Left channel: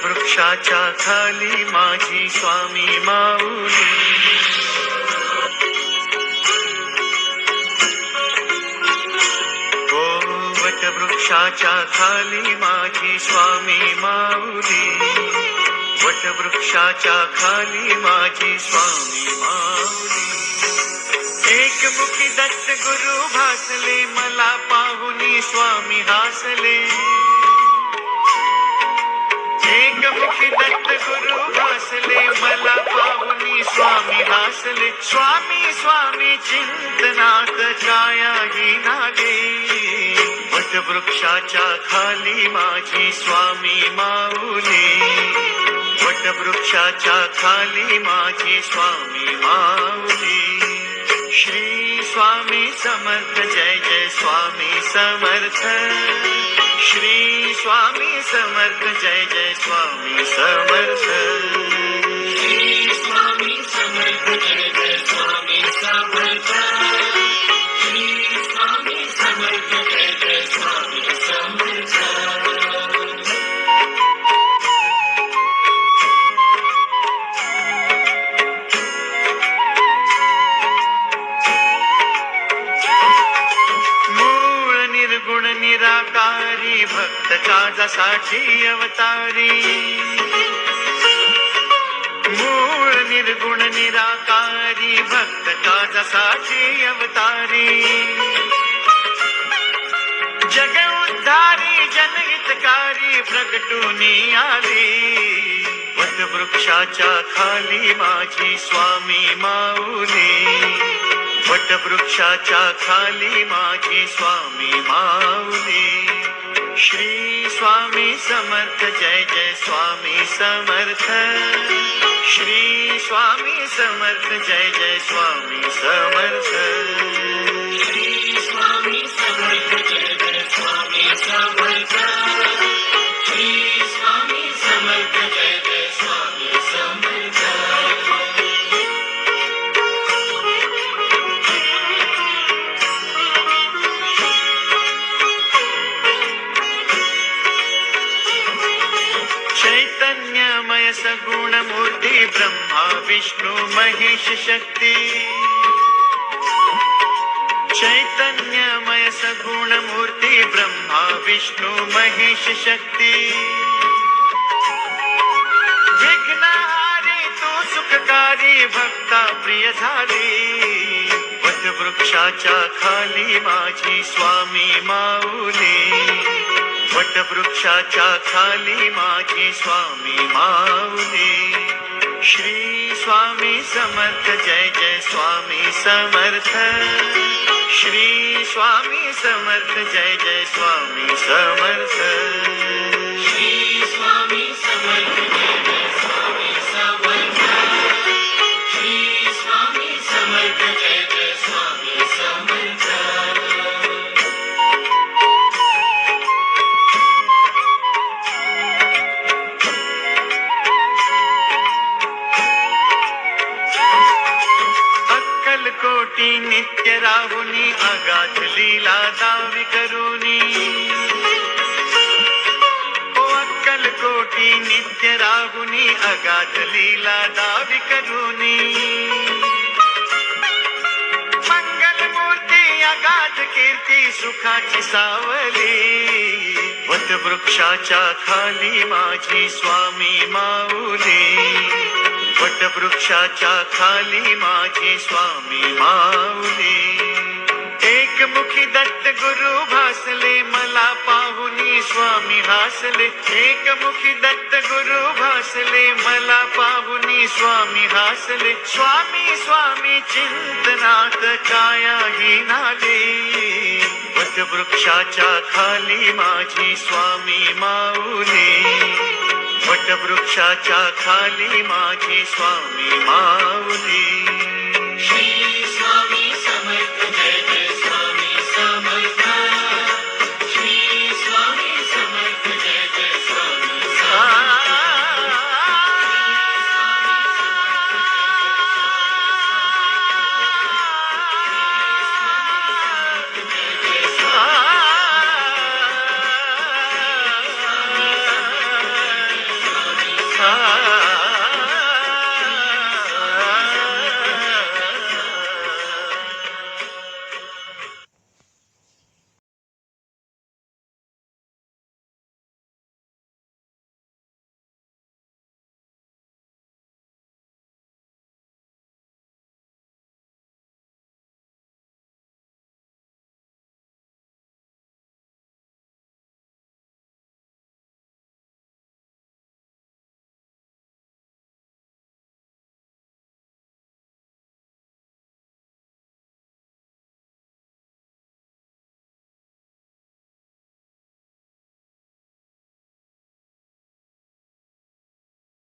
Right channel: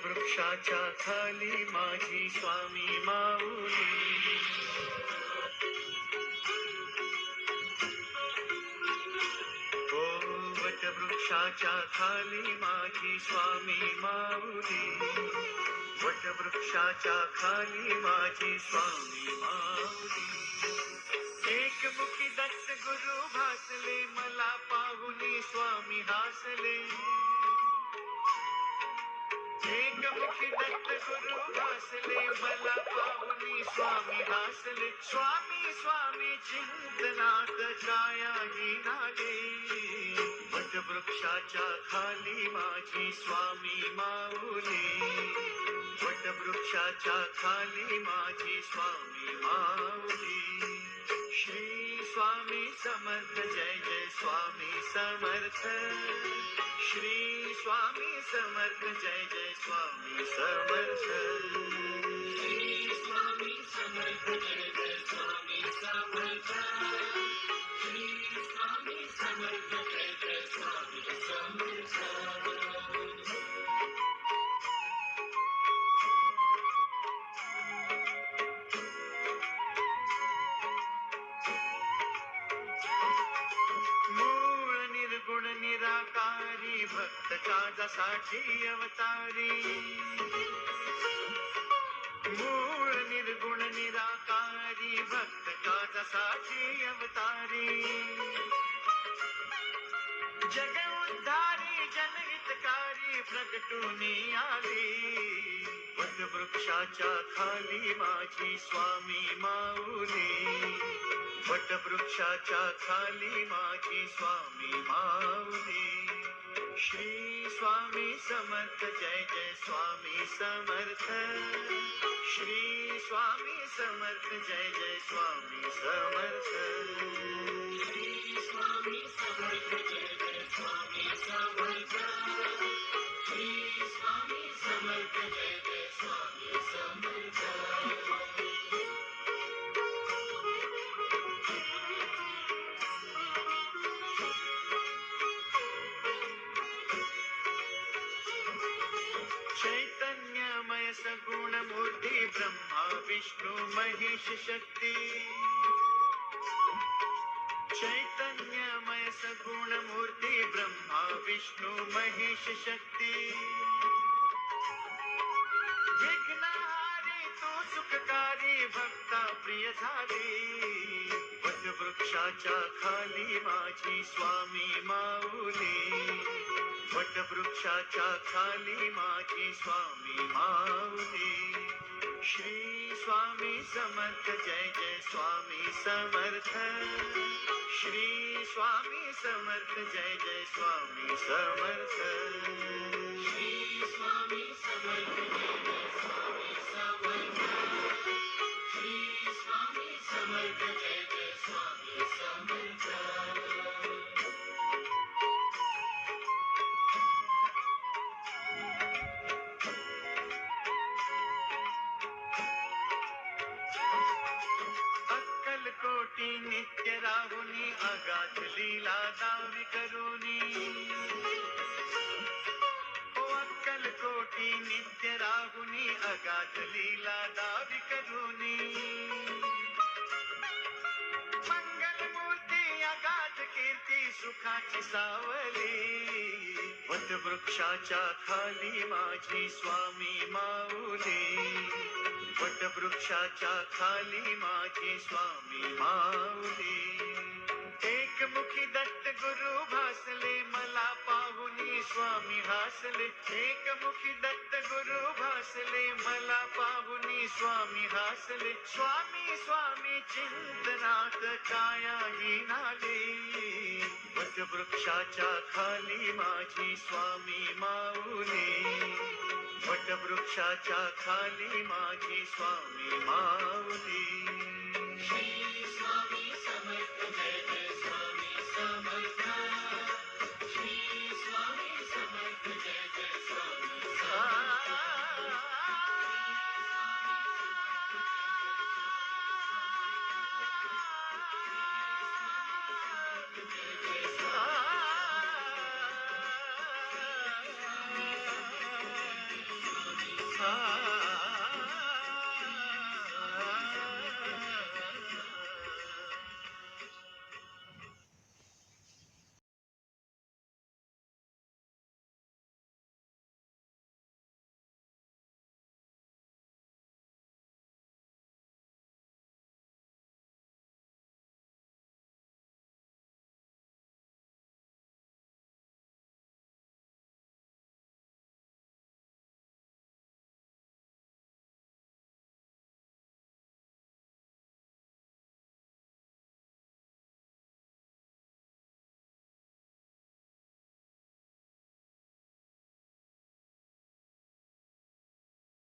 वटवृक्षाच्या खाली माझी स्वामी माऊली. ओ वटवृक्षाच्या खाली माझी स्वामी माऊली. वटवृक्षाच्या खाली माझी स्वामी माऊली. एकमुखी दत्त गुरु भासले मला पाहुनी स्वामी हासले. एकमुखी दत्त गुरु भासले मला पाहुनी स्वामी हासले. स्वामी स्वामी चिंतनात कायाही नागे. वटवृक्षाच्या खाली माझी स्वामी माऊली. वटवृक्षाच्या खाली माझी स्वामी माऊली. श्री स्वामी समर्थ जय जय स्वामी समर्थ. श्री स्वामी समर्थ जय जय स्वामी समर्थ. श्री स्वामी समर्थ जय जय स्वामी समर्थ. श्री स्वामी समर्थ जय जय स्वामी समर्थ. गुण निराकारी भक्त काजासाठी अवतारी. मूळ निर्गुण निराकारी भक्त काजासाठी अवतारी. जग उद्धारी जनहितकारी प्रगटूनी आली. वटवृक्षाच्या खाली माझी स्वामी माऊली. वटवृक्षाच्या खाली माझी स्वामी माऊली. श्री स्वामी समर्थ जय जय स्वामी समर्थ. श्री स्वामी समर्थ जय जय स्वामी समर्थ. श्री स्वामी समर्थ जय जय स्वामी समर्थ. श्री स्वामी समर्थ जय जय स्वामी समर्थ. चैतन्यमय सगुण मूर्ती ब्रह्मा विष्णु महेश शक्ती. चैतन्यमय सगुण मूर्ती ब्रह्मा विष्णु महेश शक्ती. विघ्नहारी तू सुखकारी भक्ता प्रिय झाली. वटवृक्षाच्या खाली माझी स्वामी माऊली. वटवृक्षाच्या खाली माझी स्वामी माऊली. श्री स्वामी समर्थ जय जय स्वामी समर्थ. श्री स्वामी समर्थ जय जय स्वामी समर्थ. श्री स्वामी समर्थ जय जय स्वामी समर्थ. श्री स्वामी समर्थ जय जय स्वामी समर्थ. कोटी नित्य राहुनी अगाध लीला दावी करूनी. ओ अक्कल कोटी नित्य राहुनी अगाध लीला दावी करूनी. मंगल मूर्ती अगाध कीर्ती सुखाची सावली. वटवृक्षाच्या खाली माझी स्वामी माऊली. वटवृक्षाच्या खाली माझी स्वामी माऊली. एकमुखी दत्त गुरु भासले मला पाहुनी स्वामी हासले. एकमुखी दत्त गुरु भासले मला पाहुनी स्वामी हासले. स्वामी स्वामी चिंतनात कायाही नागे. वटवृक्षाच्या खाली माझी स्वामी माऊली. वटवृक्षाच्या खाली माझी स्वामी माऊली.